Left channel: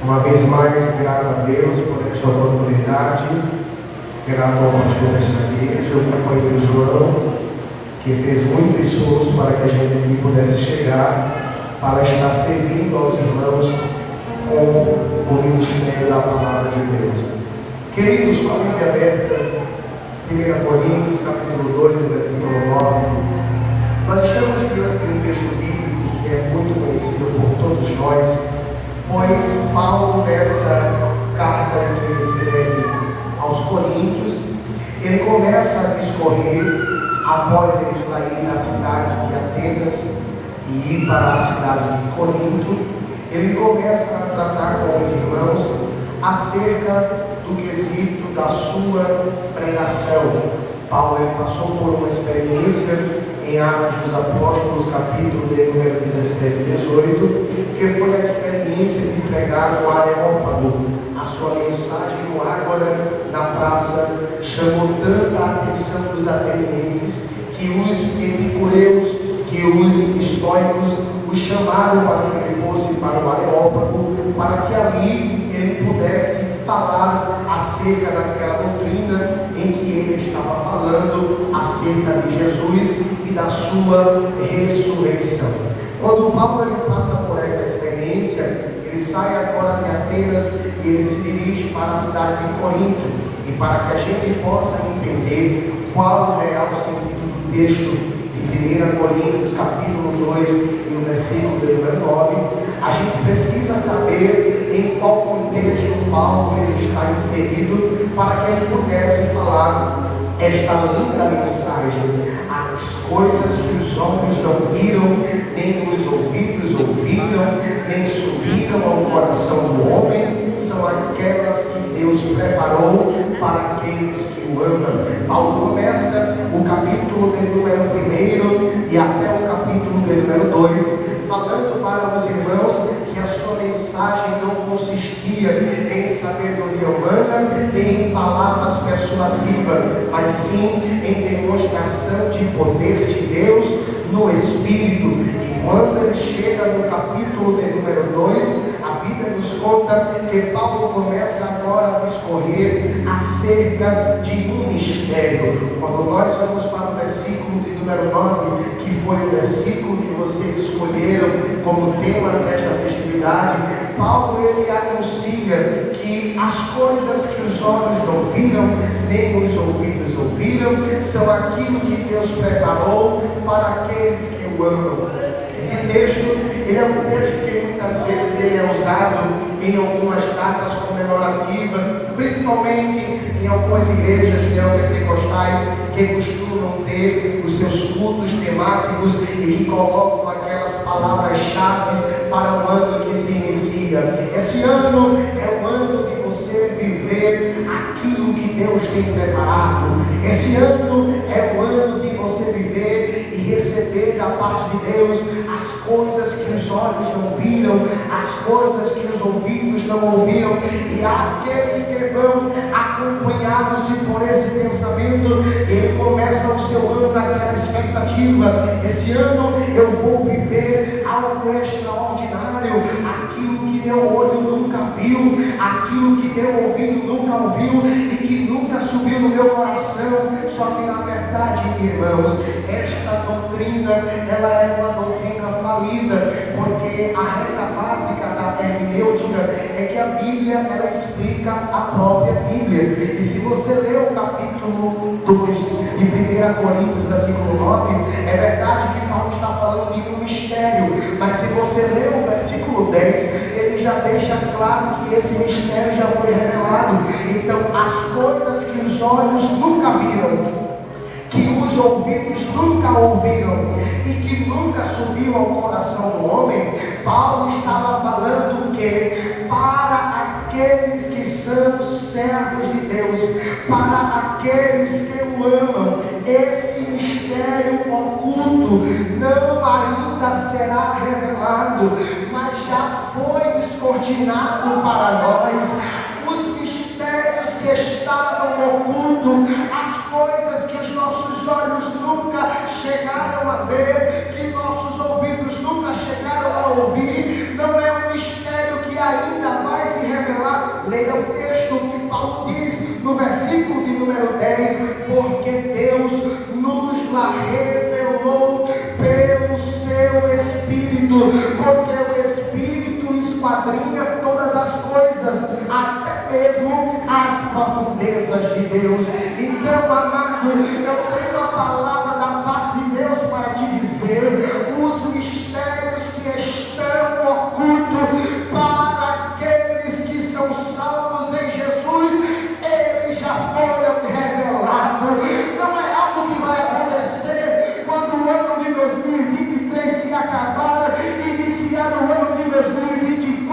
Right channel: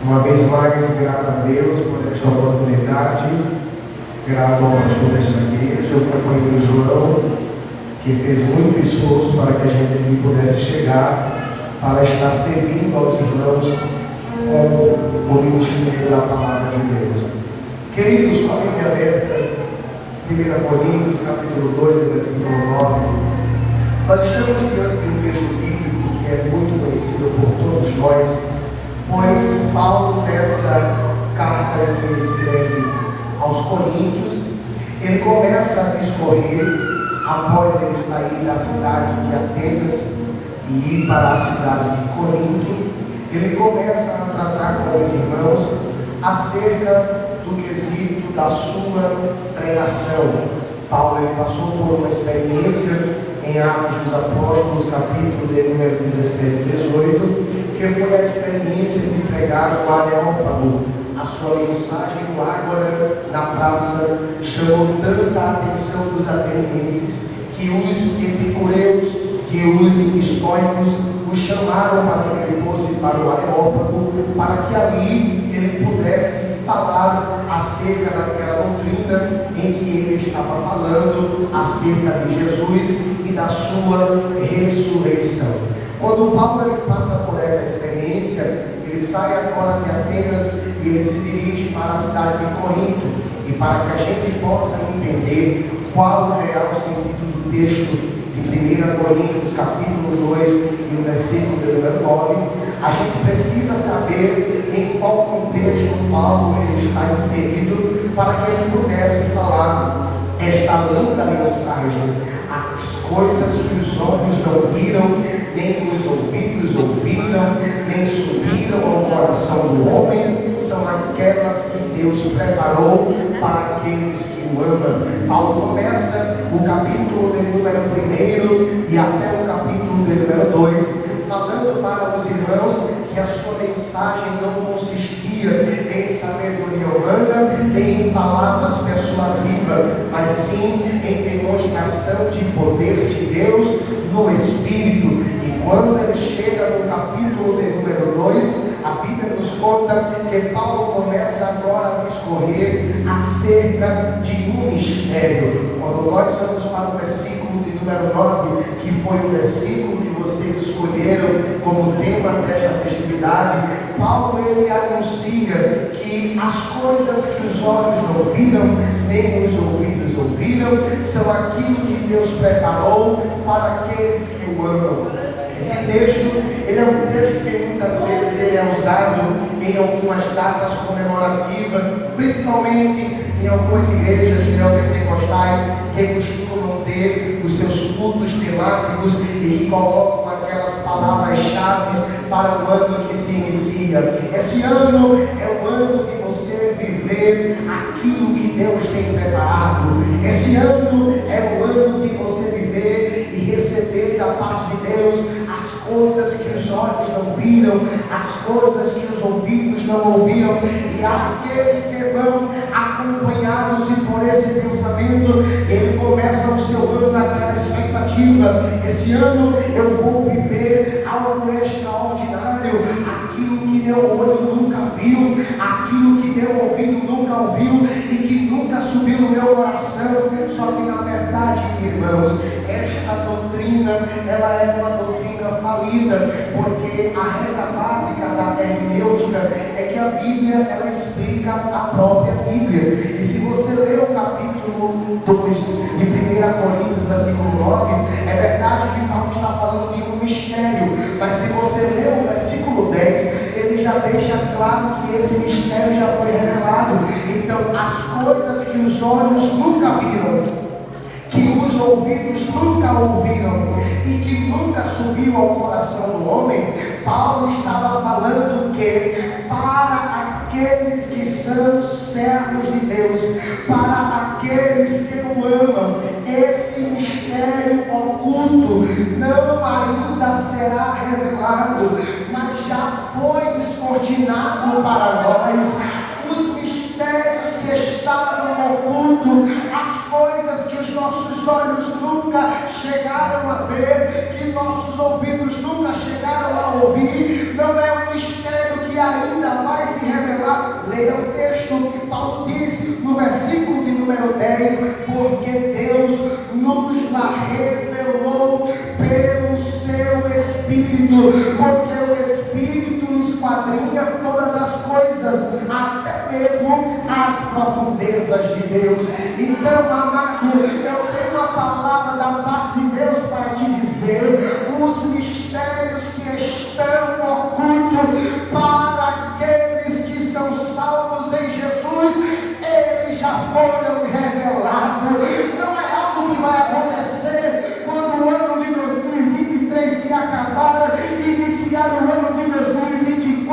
Uma vez mais, grato a Deus por esta oportunidade, grato ao pastor desta igreja, ao companheiro João, que fez muito esforço para que a gente aqui pudesse chegar, para estar servindo aos irmãos com o ministério da palavra de Deus. Queridos, com a Bíblia aberta, 1 Coríntios, capítulo 2, versículo 9, nós estamos diante de um texto bíblico que é muito conhecido por todos nós, pois Paulo, nessa carta que ele escreve aos Coríntios, ele começa a discorrer, após ele sair da cidade de Atenas e ir para a cidade de Corinto, ele começa a tratar com os irmãos acerca do quesito da sua pregação. Paulo ele passou por uma experiência em Atos dos Apóstolos, capítulo de número 17 e 18, que foi a experiência de pregar no Areópago. A sua mensagem no Ágora, na praça, chamou tanta a atenção dos atenienses que os epicureus, que os estoicos o chamaram para que ele fosse para o Areópago, para que ali ele pudesse falar acerca daquela doutrina em que ele estava falando, acerca de Jesus e da sua ressurreição. Quando Paulo ele passa por essa experiência, ele sai agora de Atenas e ele se dirige para a cidade de Corinto. E para que a gente possa entender qual o real sentido do texto de 1 Coríntios, capítulo 2, e o versículo de número 9, a gente precisa saber em qual contexto Paulo ele está inserido, para que ele pudesse falar esta linda mensagem. As coisas que os olhos não viram, nem os ouvidos ouviram, nem subiram ao coração do homem, são aquelas que Deus preparou para aqueles que o amam. Paulo começa o capítulo de número 1 e até o capítulo de número 2, falando para os irmãos que a sua mensagem não consistia em sabedoria humana, nem em palavras persuasivas, mas sim em demonstração de poder de Deus no Espírito. E quando ele chega no capítulo de número 2, a Bíblia nos conta que Paulo começa agora a discorrer acerca de um mistério. Quando nós vamos para o versículo de número 9, que foi o versículo que vocês escolheram como tema desta festividade, Paulo ele anuncia que as coisas que os olhos não viram, nem os ouvidos ouviram, são aquilo que Deus preparou para aqueles que o amam. Esse texto, ele é um texto que muitas vezes ele é usado em algumas datas comemorativas, principalmente em algumas igrejas neopentecostais que costumam ter os seus cultos temáticos e que colocam aquelas palavras-chave para o ano que se inicia. Esse ano é o ano de você viver aquilo que Deus tem preparado. Esse ano é o ano de você viver e receber da parte de Deus as coisas que os olhos não viram, as coisas que os ouvidos não ouviram. E aqueles que vão acompanhados por esse pensamento, ele começa o seu ano naquela expectativa. Esse ano eu vou viver algo extraordinário, aquilo que meu olho nunca viu, aquilo que meu ouvido nunca ouviu e que nunca subiu no meu coração. Só que na verdade, irmãos, esta doutrina, ela é uma doutrina falida, porque a regra básica da hermenêutica é que a Bíblia, ela explica a própria Bíblia. E se você ler o capítulo 2 de 1 Coríntios, versículo 9, é verdade que Paulo está falando de um mistério, mas se você ler o versículo 10, ele já deixa claro que esse mistério já foi revelado. Então, as coisas que os olhos nunca viram, que os ouvidos nunca ouviram e que nunca subiu ao coração do homem, Paulo estava falando que para aqueles que são servos de Deus, para aqueles que o amam, esse mistério oculto não ainda será revelado, mas já foi descortinado para nós. Os mistérios que estavam ocultos, as coisas que os nossos olhos nunca chegaram a ver, que nossos ouvidos nunca chegaram a ouvir, não é um mistério que ainda vai a revelou pelo seu Espírito, porque o Espírito esquadrinha todas as coisas, até mesmo as profundezas de Deus. Então, amado, eu tenho uma palavra da parte de Deus para te dizer: os mistérios que estão ocultos para aqueles que são salvos em Jesus, eles já foram revelados. Não é algo que vai acontecer quando o ano de 2023 se acabar, iniciar o ano de 2024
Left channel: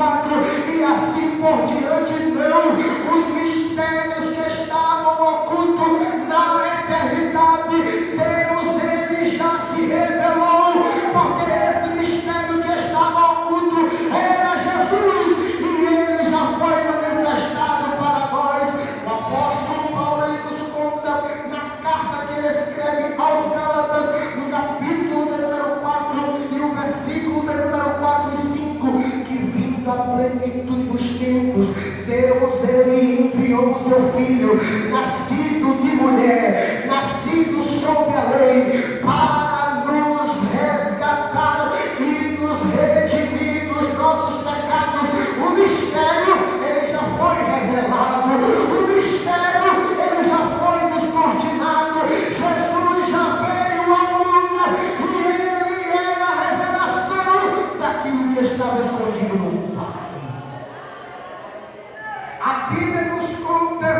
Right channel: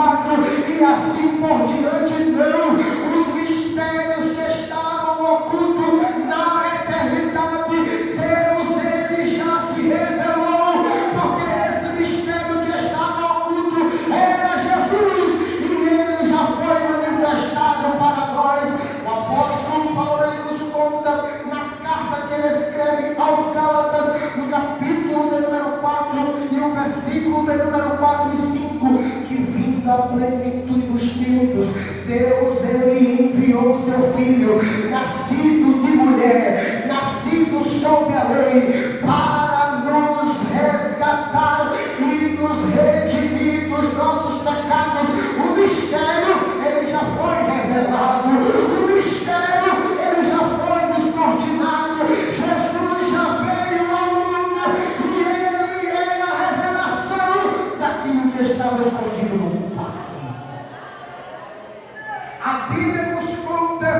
e assim por diante. Não, os mistérios que estavam ocultos na eternidade, Deus, ele já se revelou, porque esse mistério que estava oculto era Jesus, e ele já foi manifestado para nós. O apóstolo Paulo, ele nos conta na carta que ele escreve aos Gálatas, no capítulo de número 4 e o versículo de número 4 e 5, que vindo a plenitude dos tempos, Deus, ele enviou o seu Filho, nascido de mulher, nascido sob a lei, para nos resgatar e nos redimir dos nossos pecados. O mistério, ele já foi revelado, o mistério, ele já foi descortinado. Jesus já veio ao mundo e ele é a revelação daquilo que estava escondido no Pai. A Bíblia nos conta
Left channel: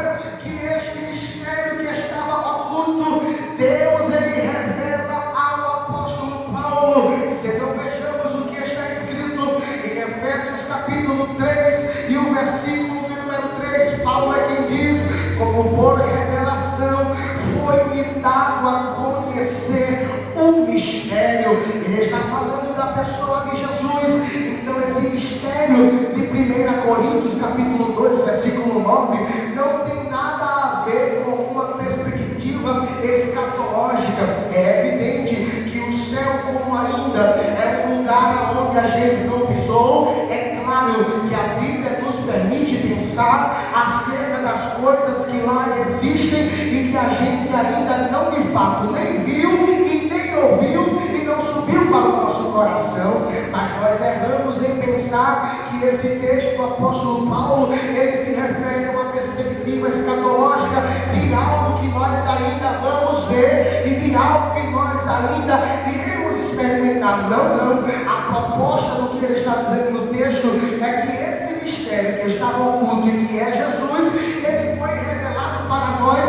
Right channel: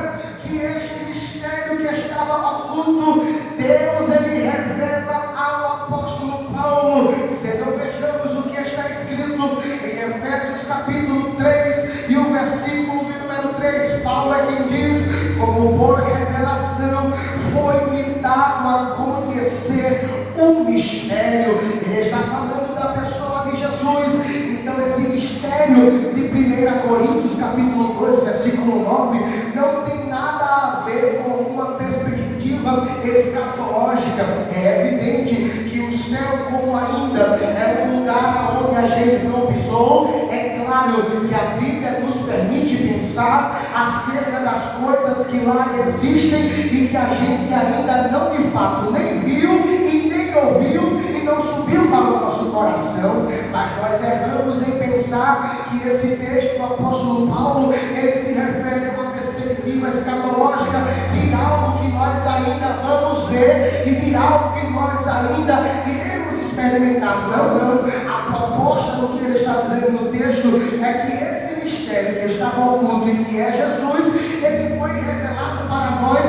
que este mistério que estava oculto, Deus, ele revela ao apóstolo Paulo. Se não vejamos o que está escrito em Efésios capítulo 3 e o versículo de número 3, Paulo é quem diz: como por revelação foi-me dado a conhecer um mistério. Ele está falando da pessoa de Jesus. Então esse mistério de 1 Coríntios capítulo 2 versículo 9 não tem nada a ver com uma perspectiva escatológica. É evidente que o céu, como ainda é um lugar onde a gente não pisou, é claro que a Bíblia nos permite pensar acerca das coisas que lá existem e que a gente ainda não de fato nem viu e nem ouviu e não subiu para o nosso coração. Mas nós erramos em pensar que esse texto do apóstolo Paulo, ele se refere a uma perspectiva escatológica de algo que nós ainda vamos ver e de algo que nós ainda iremos experimentar. Não. A proposta do que ele está dizendo no texto é que esse mistério que estava oculto e que é Jesus, ele foi revelado para nós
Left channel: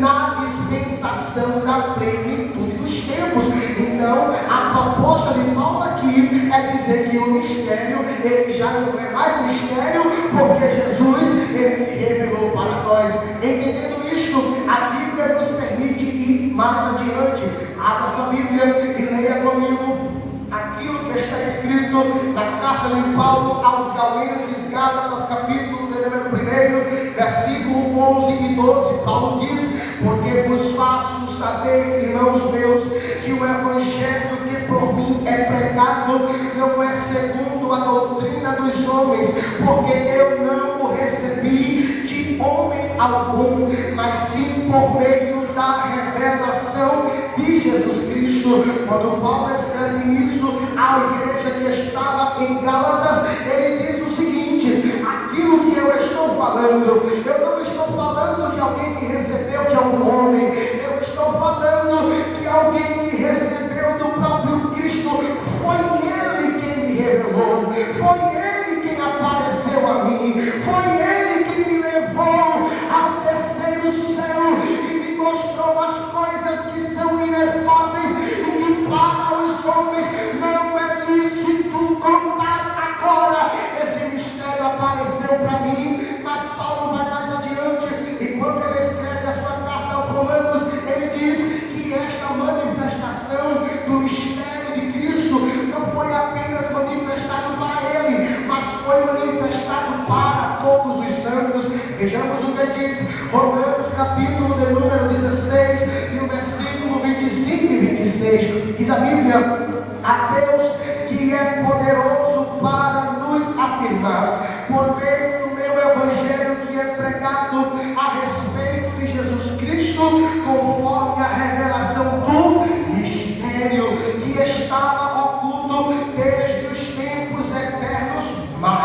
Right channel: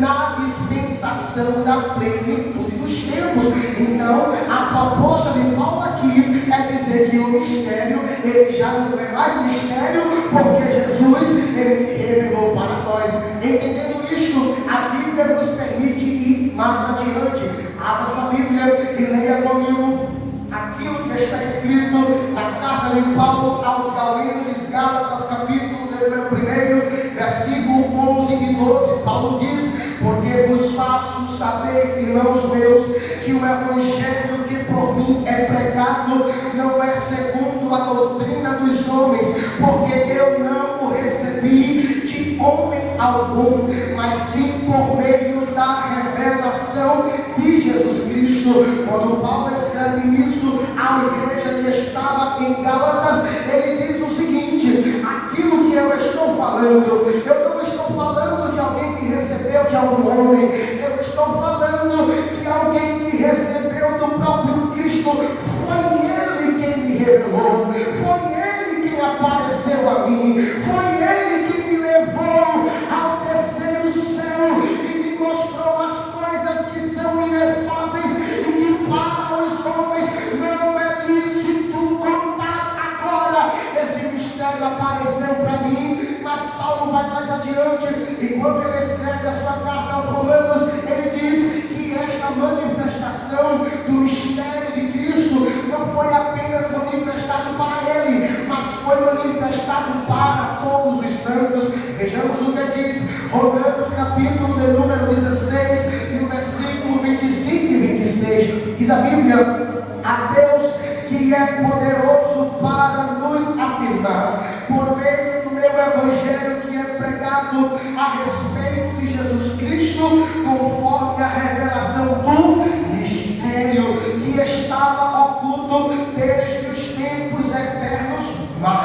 na dispensação da plenitude dos tempos. Então, a proposta de Paulo aqui é dizer que o mistério, ele já não é mais mistério, porque Jesus, ele se revelou para nós. Entendendo isto, a Bíblia nos permite ir mais adiante. Abra sua Bíblia e leia comigo aquilo que está escrito na carta de Paulo aos Galenses, Gálatas, capítulo 1, versículo 11 e 12. Paulo diz: porque vos faço saber, irmãos meus, que o evangelho que por mim é pregado não é segundo a doutrina dos homens, porque eu não o recebi de homem algum, mas sim por meio da revelação de Jesus Cristo. Quando Paulo escreve isso à igreja que estava em Gálatas, ele diz o seguinte: aquilo que eu estou falando, eu não estou falando de alguém que recebeu de algum homem, eu estou falando de alguém que recebeu do próprio Cristo. Foi ele quem me revelou, foi ele quem apareceu a mim, foi ele que me levou ao terceiro céu e me mostrou as coisas que são inefáveis e que para os homens não é lícito contar agora. Esse mistério apareceu para mim, mas Paulo vai mais adiante, e quando ele escreve a sua carta aos Romanos, ele diz que esta manifestação do mistério de Cristo não foi apenas manifestado para ele, mas foi manifestado para todos os santos. Vejamos o que diz Romanos capítulo de número 16 e o versículo 25 e 26. Diz a Bíblia: a Deus que é poderoso para nos afirmar, por meio do meu evangelho que é pregado a respeito de Jesus Cristo, conforme a revelação do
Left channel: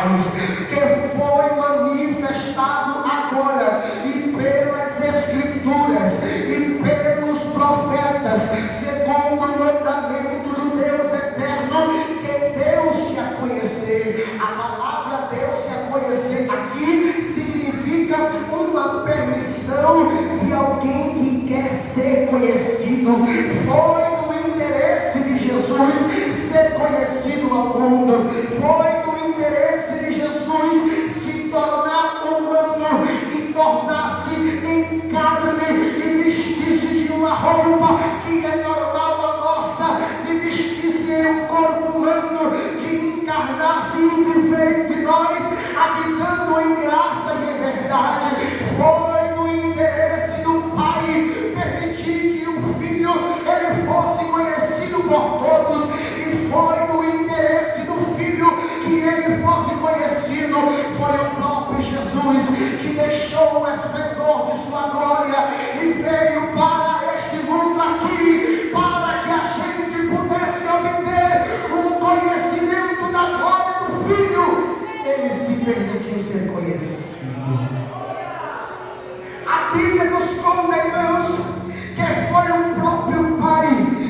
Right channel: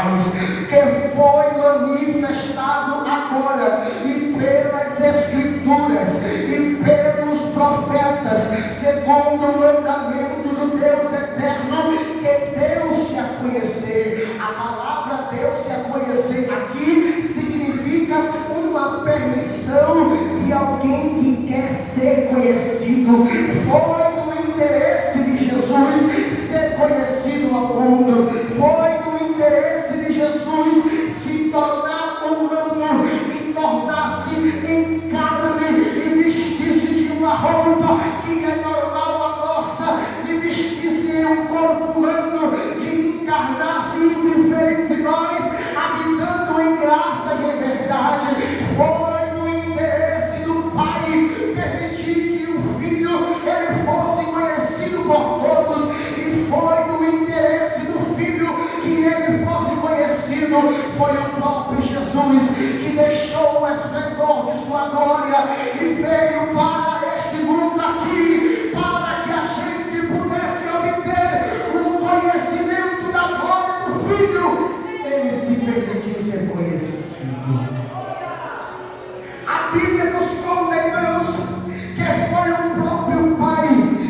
paz, que foi manifestado agora, e pelas Escrituras, e pelos profetas, segundo o mandamento do Deus eterno, que deu-se a conhecer. A palavra deu-se a conhecer aqui significa uma permissão de alguém que quer ser conhecido. Foi do interesse de Jesus ser conhecido ao mundo. Foi do interesse de Jesus se tornar humano e tornar-se em carne e vestir-se de uma roupa que é normal a nossa, de vestir-se em um corpo humano, de encarnar-se e viver entre nós, habitando em graça e em verdade. Foi no interesse do Pai permitir que o Filho ele fosse conhecido por todos, e foi no interesse do Filho que ele fosse conhecido. Foi o próprio Jesus que deixou o esplendor de sua glória e veio para este mundo aqui, para que a gente pudesse obter o conhecimento da glória do Filho. Ele se permitiu ser conhecido. A Bíblia nos conta, irmãos, que foi o próprio Pai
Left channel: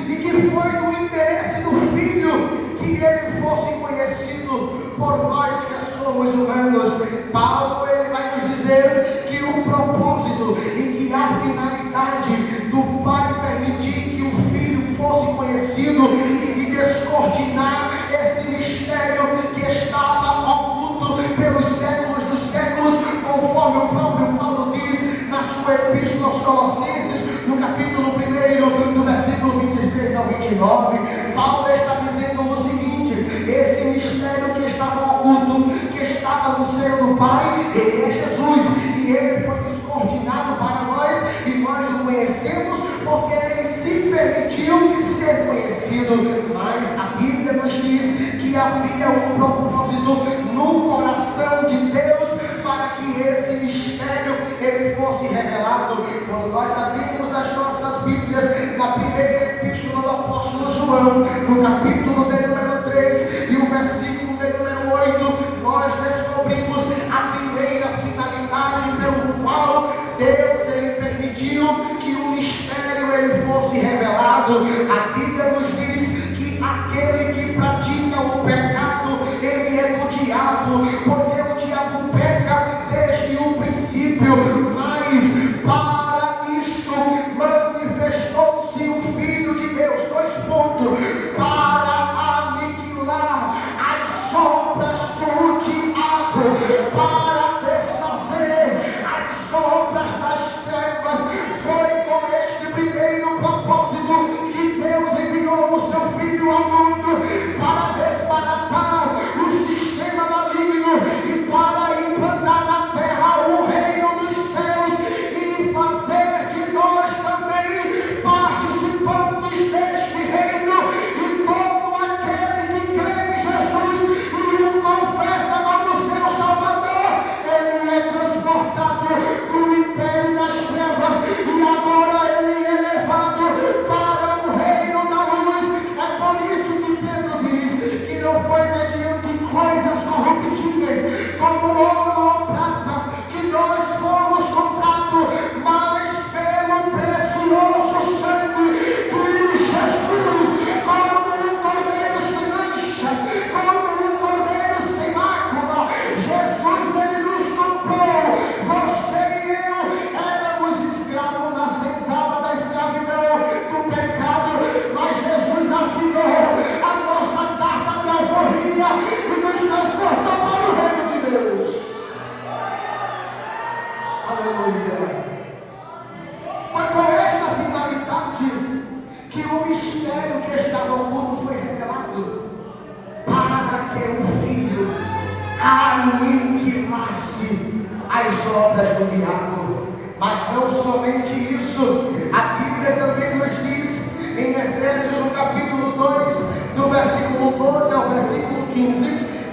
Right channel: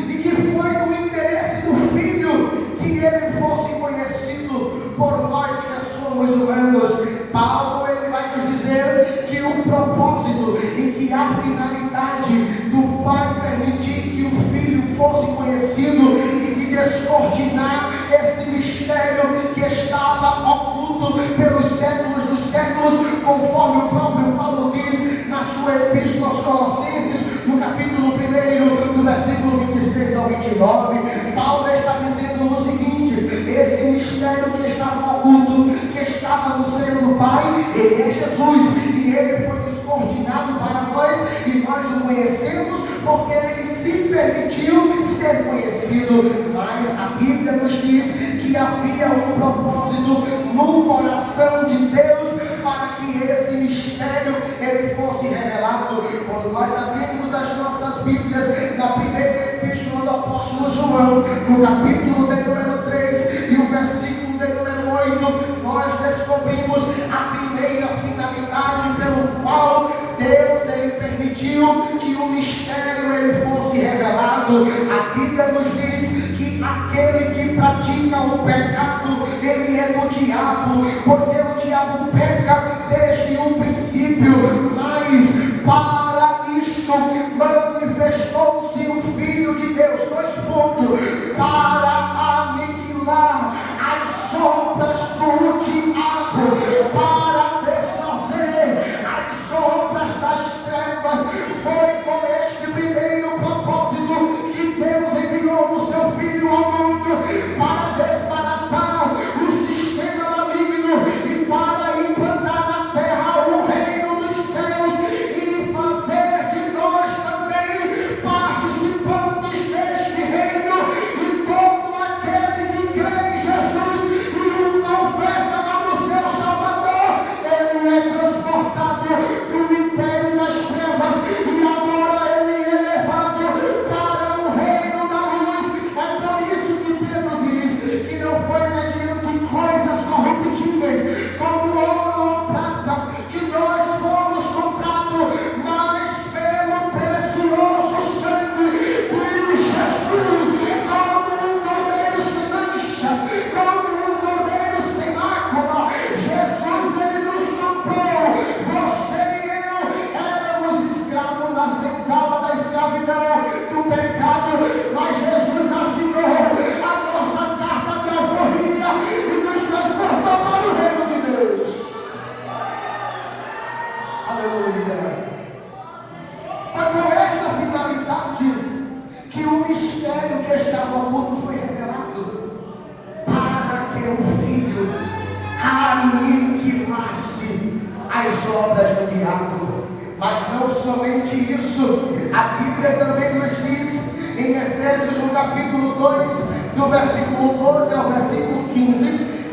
e que foi no interesse do Filho que ele fosse conhecido por nós que somos humanos. Paulo ele vai nos dizer que o propósito e que a finalidade do Pai permitir que o Filho fosse conhecido e de descortinar esse mistério que estava oculto pelos séculos dos séculos, conforme o próprio Paulo diz na sua epístola aos Colossenses, no capítulo 1, do versículo 26 ao 29, Paulo está dizendo o seguinte: esse mistério que estava oculto, que estava no seio do Pai, ele é Jesus, e ele foi descortinado para nós, e nós o conhecemos porque ele se permitiu ser conhecido. Mas a Bíblia nos diz que havia um propósito no coração de Deus para que esse mistério ele fosse revelado. Quando nós abrimos as nossas Bíblias na primeira epístola do apóstolo João, no capítulo de número 3 e o versículo de número 8, nós descobrimos a primeira finalidade pelo qual Deus ele permitiu que o mistério ele fosse revelado. A Bíblia nos diz que aquele que pratica o pecado, ele é do diabo, porque o diabo peca desde o princípio. Mas para isto manifestou-se o Filho de Deus, para aniquilar as obras do diabo, para desfazer as obras das trevas. Foi com este primeiro propósito que Deus enviou o seu Filho ao mundo, para desbaratar o sistema maligno e para implantar na terra o reino dos céus e fazer de nós também participantes deste reino. E todo aquele que crê em Jesus e o confessa como seu Salvador, ele é transportado do império das trevas e agora ele é levado para o reino da luz. É por isso que Pedro diz que não foi mediante coisas corruptíveis como ouro ou prata que nós fomos comprados, mas pelo precioso sangue de Jesus, como um cordeiro sem mancha, como um cordeiro sem mácula. Jesus ele nos comprou. Você e eu éramos escravos da senzala, da escravidão, do pecado, mas Jesus assinou a nossa carta de alforria e nos transportou para o reino de Deus. Aleluia. Foi com esta finalidade que o mistério que estava oculto foi revelado, para que o Filho aniquilasse as obras do diabo. Mas não somente isso, a Bíblia também nos diz em Efésios no capítulo 2, do versículo 12 ao versículo 15,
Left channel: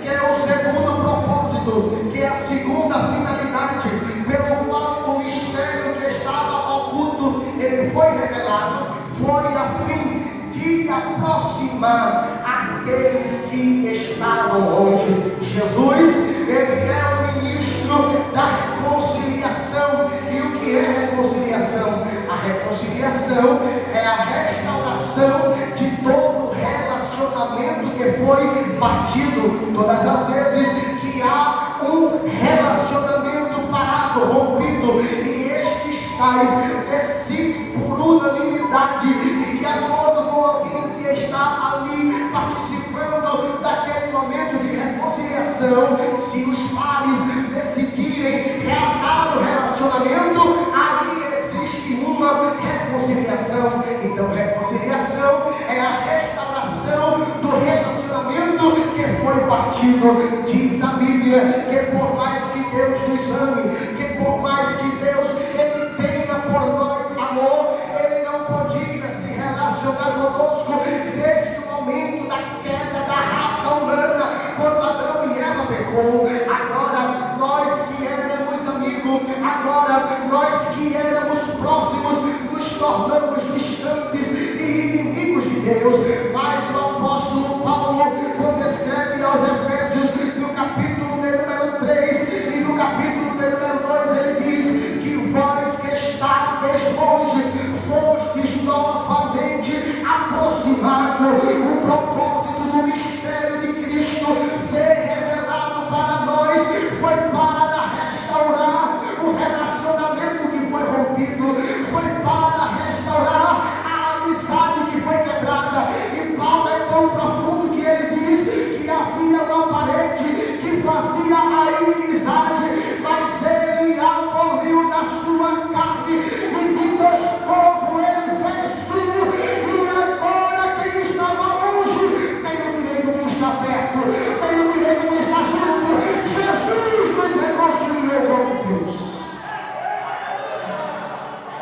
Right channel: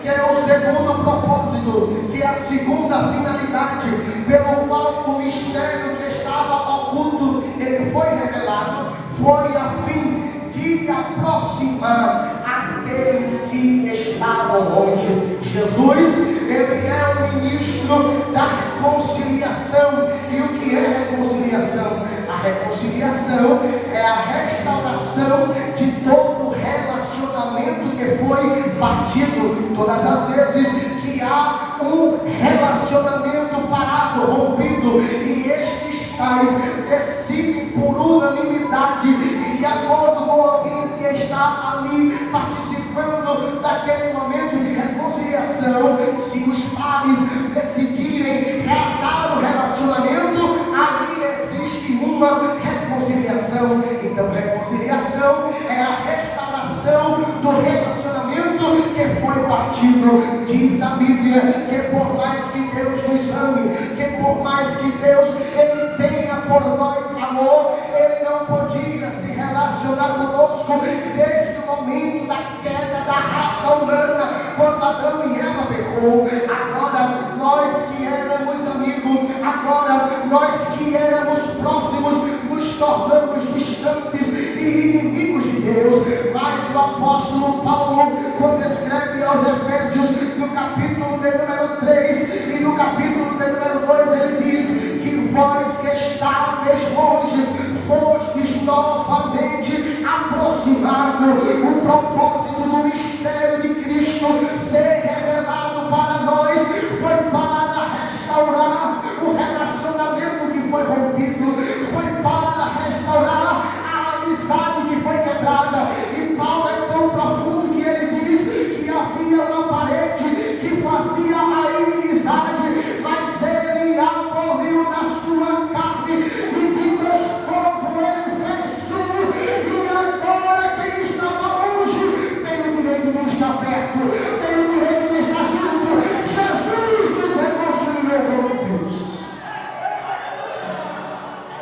que é o segundo propósito, que é a segunda finalidade pelo qual o mistério que estava oculto ele foi revelado, foi a fim de aproximar a aqueles que estavam longe. Jesus, ele é o ministro da reconciliação. E o que é reconciliação? A reconciliação é a restauração de todo relacionamento que foi batido. Todas as vezes que há um relacionamento parado, rompido, e estes tais decidem por unanimidade e de acordo com alguém que está ali participando daquele momento de reconciliação, se os pares decidirem reatar o relacionamento, ali existe uma reconciliação. Então, reconciliação é a restauração do relacionamento que foi partido. Diz a Bíblia que por mais que Deus nos ame, que por mais que Deus ele tenha por nós amor, ele não podia se relacionar conosco desde o momento da queda da raça humana, quando Adão e Eva pecou. Agora nós que éramos amigos, agora nós que éramos próximos, nos tornamos distantes e inimigos de Deus. Mas o apóstolo Paulo, quando escreve aos Efésios, no capítulo de número 3 e no capítulo de número 2, ele diz que vós que estáveis longe, fostes novamente aproximados. O propósito do mistério de Cristo ser revelado para nós foi para restaurar o relacionamento que foi rompido, foi para restaurar a amizade que foi quebrada. E Paulo é tão profundo que ele diz que havia uma parede que fazia a inimizade, mas ele aboliu da sua carne e de Deus povo ele venceu. E agora quem estava longe tem o direito de estar perto, tem o direito de estar junto. Jesus nos reconciliou com Deus.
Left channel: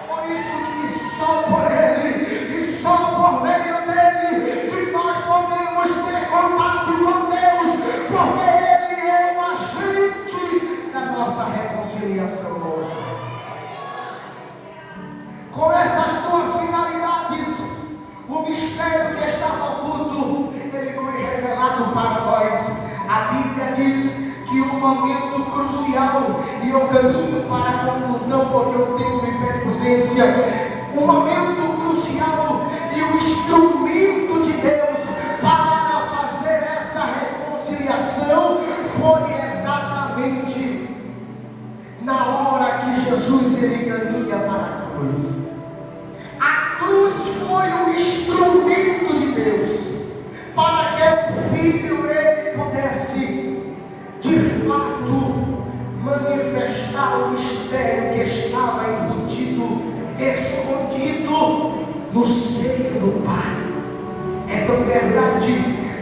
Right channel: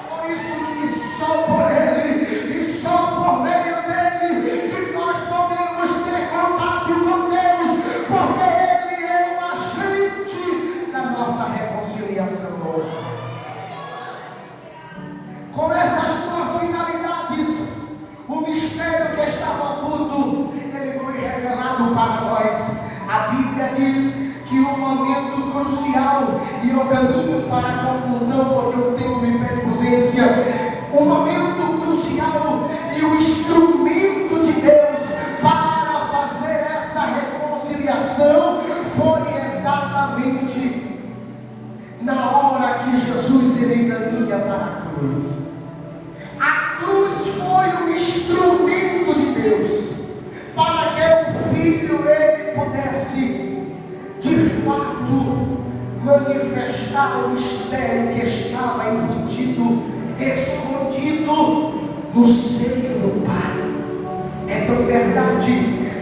Por isso que só por ele e só por meio dele que nós podemos ter contato com Deus, porque ele é o agente da nossa reconciliação hoje. Com essas duas finalidades, o mistério que estava oculto, ele foi revelado para nós. A Bíblia diz que o momento crucial, e eu caminho para a conclusão porque o tempo me pede prudência, o momento crucial e o instrumento de Deus para fazer essa reconciliação foi exatamente na hora que Jesus ele caminha para a cruz. A cruz foi um instrumento de Deus para que o Filho ele pudesse de fato manifestar o mistério que estava embutido, escondido no seio do Pai. É tão verdade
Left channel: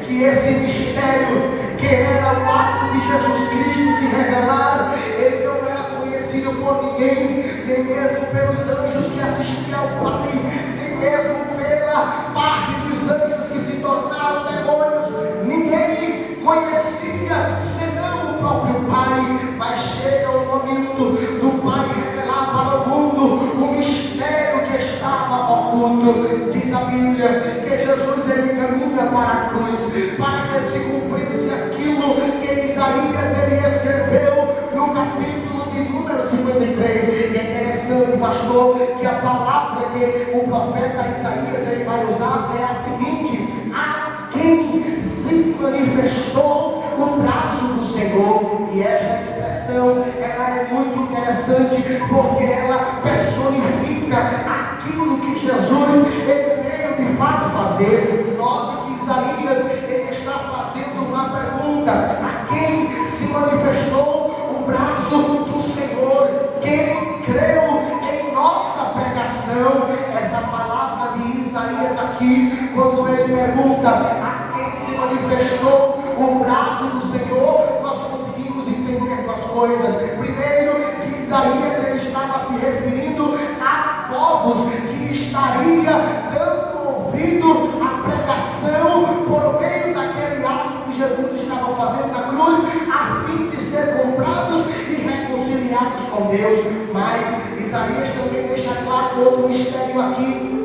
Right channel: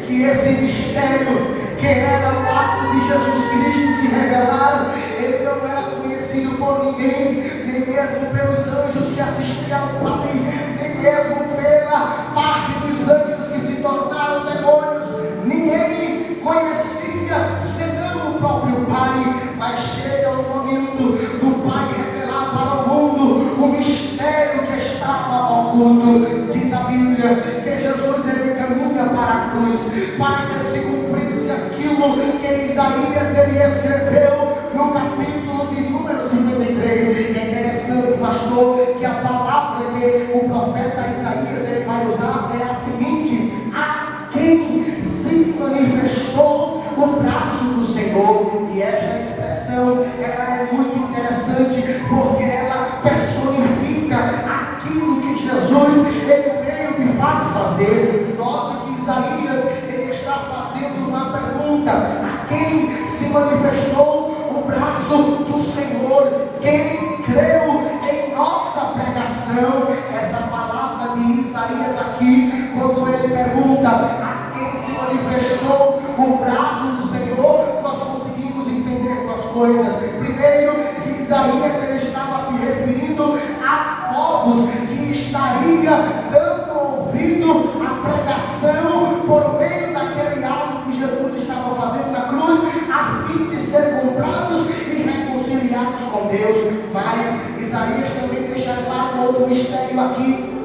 que esse mistério, que era o ato de Jesus Cristo se revelar, ele não era conhecido por ninguém, nem mesmo pelos anjos que assistiam ao Pai, nem mesmo pela parte dos anjos que se tornaram demônios. Ninguém conhecia senão o próprio Pai. Mas chega o momento do Pai revelar para o mundo o mistério que estava oculto. Diz a Bíblia que Jesus ele caminha para a cruz, para que se cumprisse aquilo que Isaías ele escreveu no capítulo de número 53. É interessante, pastor, que a palavra que o profeta Isaías ele vai usar é a seguinte: a quem se manifestou o braço do Senhor. E essa expressão ela é muito interessante, porque ela personifica aquilo que Jesus ele veio de fato fazer. Note que Isaías ele está fazendo uma pergunta: a quem se manifestou o braço do Senhor? Quem creu em nossa pregação? Essa palavra de Isaías aqui, quando ele pergunta a quem se manifestou o braço do Senhor, nós conseguimos entender duas coisas. Primeiro, que Isaías ele estava se referindo a povos que estaria dando ouvido à pregação por meio daquele ato que Jesus estava fazendo na cruz, a fim de ser comprados e reconciliados com Deus. Mas Isaías também deixa claro outro mistério aqui,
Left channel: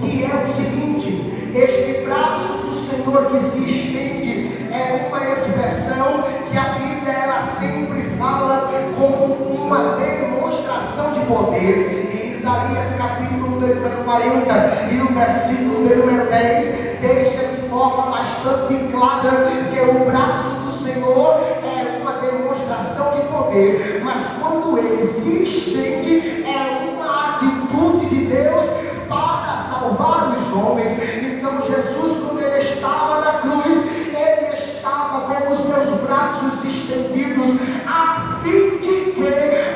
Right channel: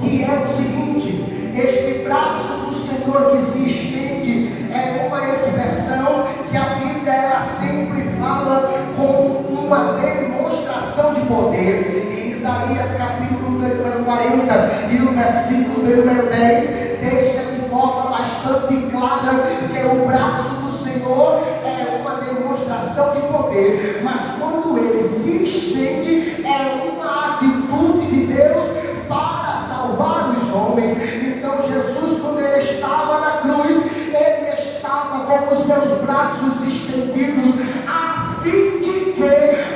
que é o seguinte: Este braço do Senhor que se estende é uma expressão que a Bíblia ela sempre fala como uma demonstração de poder. Em Isaías capítulo número 40 e no versículo número 10 deixa de forma bastante clara que o braço do Senhor é uma demonstração de poder, mas quando ele se estende é uma atitude de Deus para salvar os homens. Então Jesus, quando ele estava na cruz, ele estava com os seus braços estendidos a fim de que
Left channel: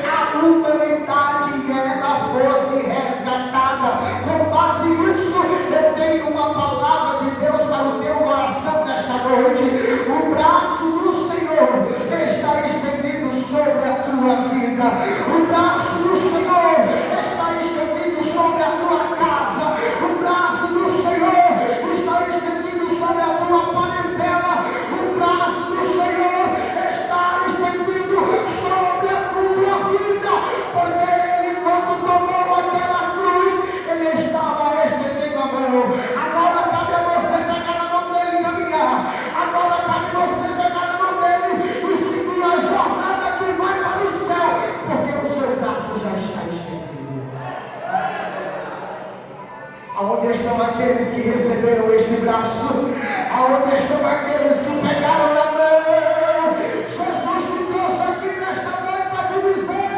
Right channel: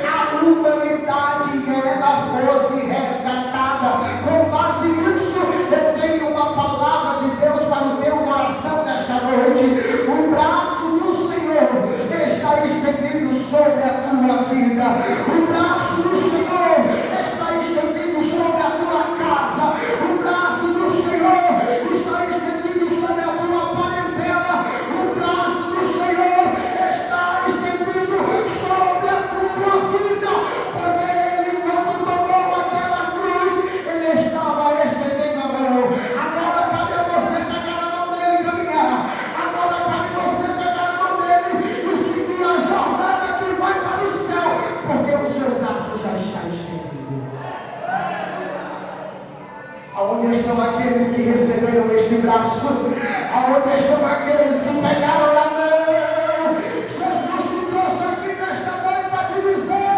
a humanidade ela fosse resgatada. Com base nisso, eu tenho uma palavra de Deus para o teu coração nesta noite. O braço do Senhor está estendido sobre a tua vida. O braço do Senhor está estendido sobre a tua casa. O braço do Senhor está estendido sobre a tua parentela. O braço do Senhor está estendido sobre a tua vida, porque ele, quando tomou aquela cruz, ele estava estendendo a mão. Agora cabe a você pegar a mão dele e caminhar. Agora cabe a você pegar a mão dele e seguir a jornada que vai para o céu, porque o seu braço já está estendido. Aonde estão aqueles que receberam este braço? Aonde estão aqueles que pegaram na mão? Jesus te trouxe aqui nesta noite para te dizer:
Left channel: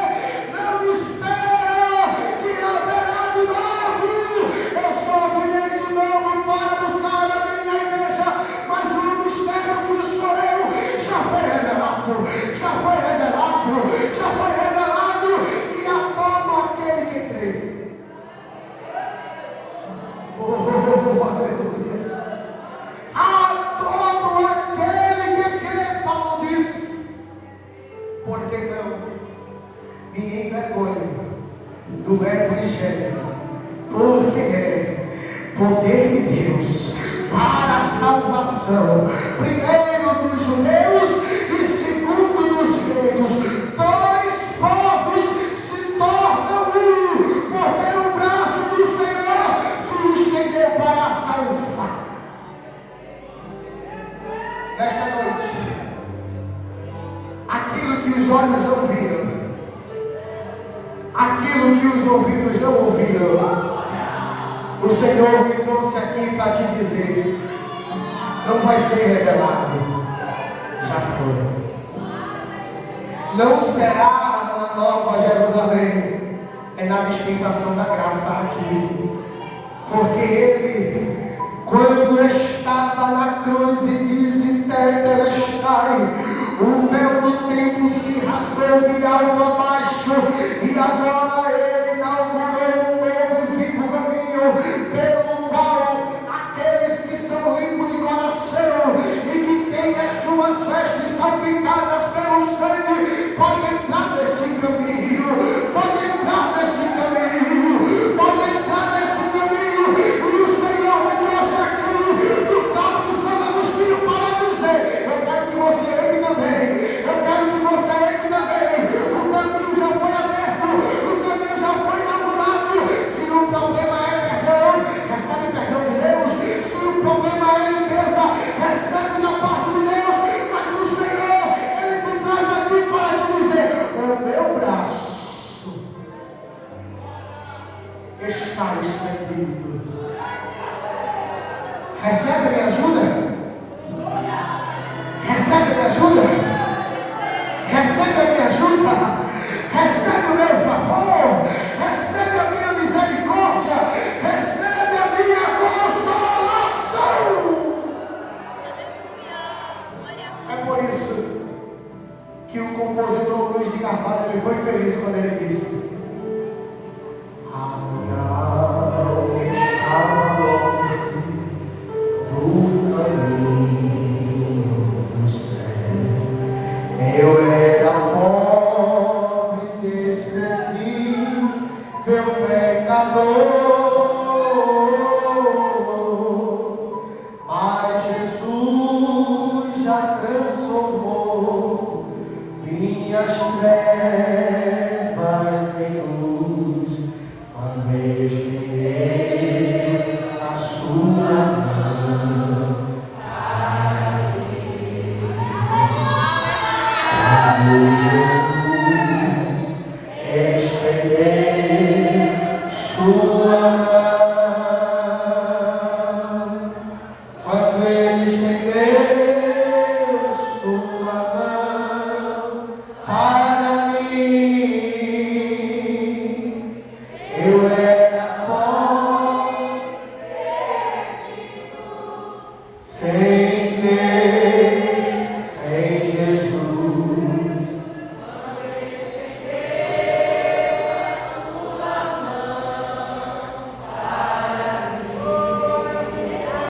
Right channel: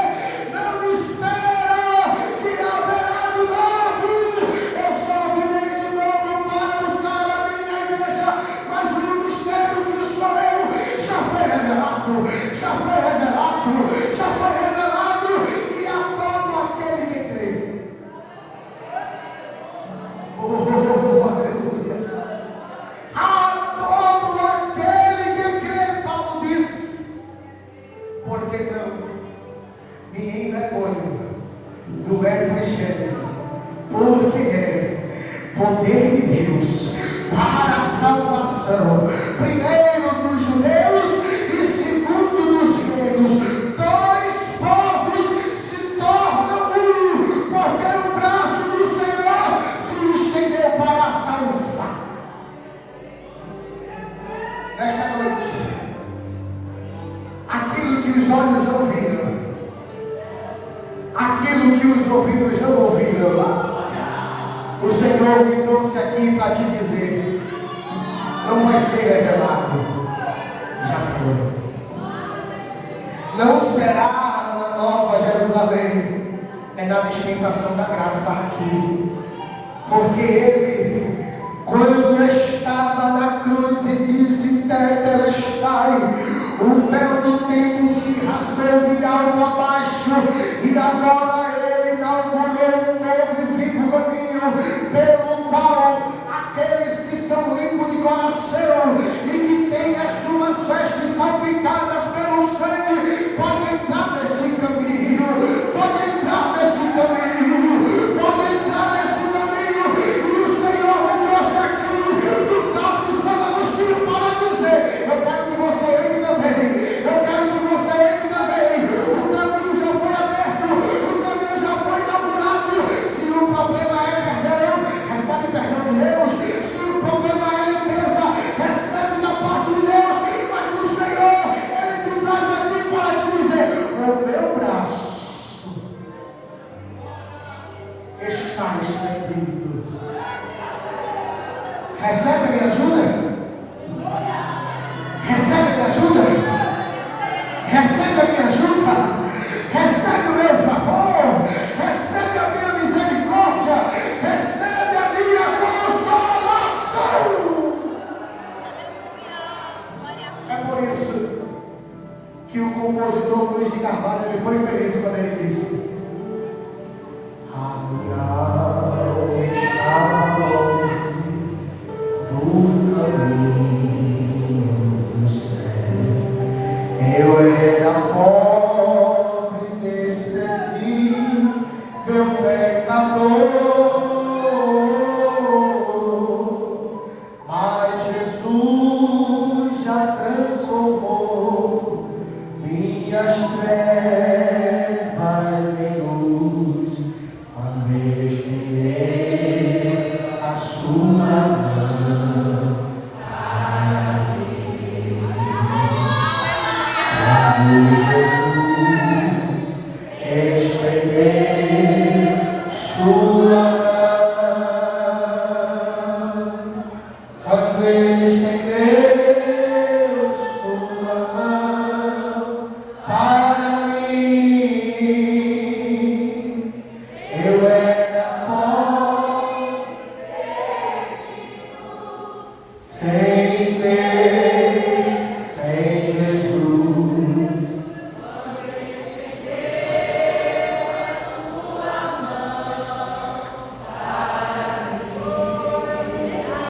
não espera que haverá de novo. Eu só virei de novo para buscar a minha igreja, mas o mistério que sou eu já foi revelado, já foi revelado, já foi revelado, e a todo aquele que crê. A todo aquele que crê, Paulo diz, porque não me envergonho do Evangelho, porque é poder de Deus para a salvação, primeiro dos judeus e segundo dos gregos. Dois povos se tornam um, porque o braço do Senhor se estendeu para salvar. Nesta noite, aquilo que os olhos não viram, aquilo que os ouvidos não ouviram, o Senhor me trouxe aqui para te dizer: não vai ser revelado, já foi. Não será na Nova Jerusalém, é na dispensação da graça aqui, porque ele, quando estava na cruz e disse tetelestai, o véu do templo se rasgou de alto a baixo, e agora ele inaugurou um novo e vivo caminho, pelo qual aqueles que são limpos de coração e que têm as suas vestes salpicadas pelo sangue podem entrar nesse caminho, podem entrar nesse caminho, podem entrar nesse caminho. E o Senhor me trouxe aqui do campo de Santo Agostinho para dizer: eu quero que você entre também, eu quero que você entre também. O caminho já foi aberto, o caminho já foi inaugurado. Se o problema é perdão, recebe perdão de Deus. Se o problema é limpeza, recebe da parte de Deus. Mas o Senhor, ele me traz aqui para te dizer: o meu braço está estendido. Recebe a minha ajuda? Recebe a minha ajuda? Recebe a minha ajuda? Recebe o meu favor? Recebe a minha misericórdia? Recebe a minha consolação? É por isso que o compositor Luiz de Carvalho ele foi feliz quando ele disse: a minha alma está longe do caminho do céu. Eu era pobre, desprezível, pecador, mas Jesus já transformou minhas trevas em luz, quando eu estirei a sua mão. Jesus, estender sua mão, ó quem estendeu sua mão para mim. Eu era pobre, sem Deus.